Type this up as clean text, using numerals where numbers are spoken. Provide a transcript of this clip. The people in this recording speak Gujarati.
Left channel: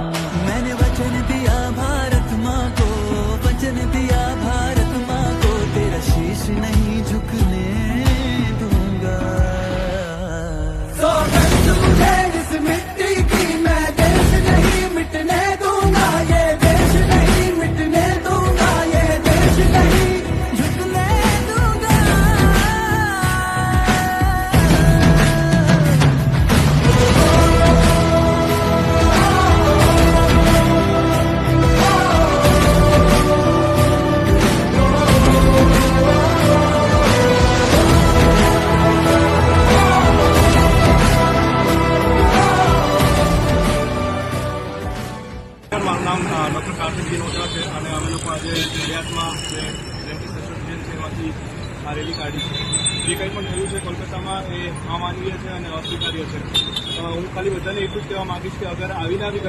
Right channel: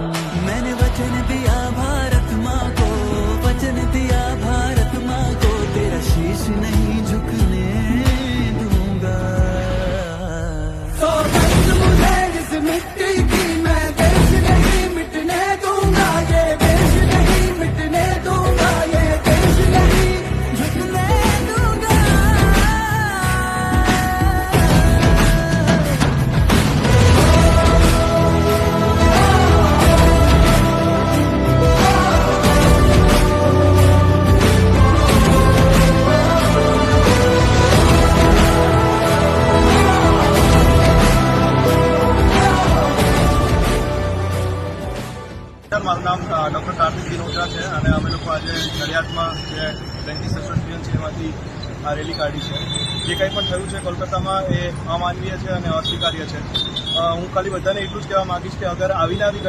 मैंने वचन दिया भारत माँ को, वचन दिया भारत माँ को, तेरा शीश नहीं झुकने दूंगा। सौगंध मुझे इस मिट्टी की, मैं देश नहीं मिटने दूंगा, ये देश नहीं मिटने दूंगा, ये देश नहीं झुकने दूंगा। મારું નામ ડૉક્ટર કાર્તિક દિનોત્રા છે અને અમે લોકો આજે નડિયાદમાં જે ડેન્ટિસ્ટ એસોસિએશન છે એમાંથી આ રેલી કાઢી છે. જે કંઈ પણ થયું છે કોલકાતામાં એ અમાનવીય છે અને અસ્વીકાર્ય છે. હું ખાલી બધાને એટલું જ કહેવા માંગીશ કે અગર આવીને આવી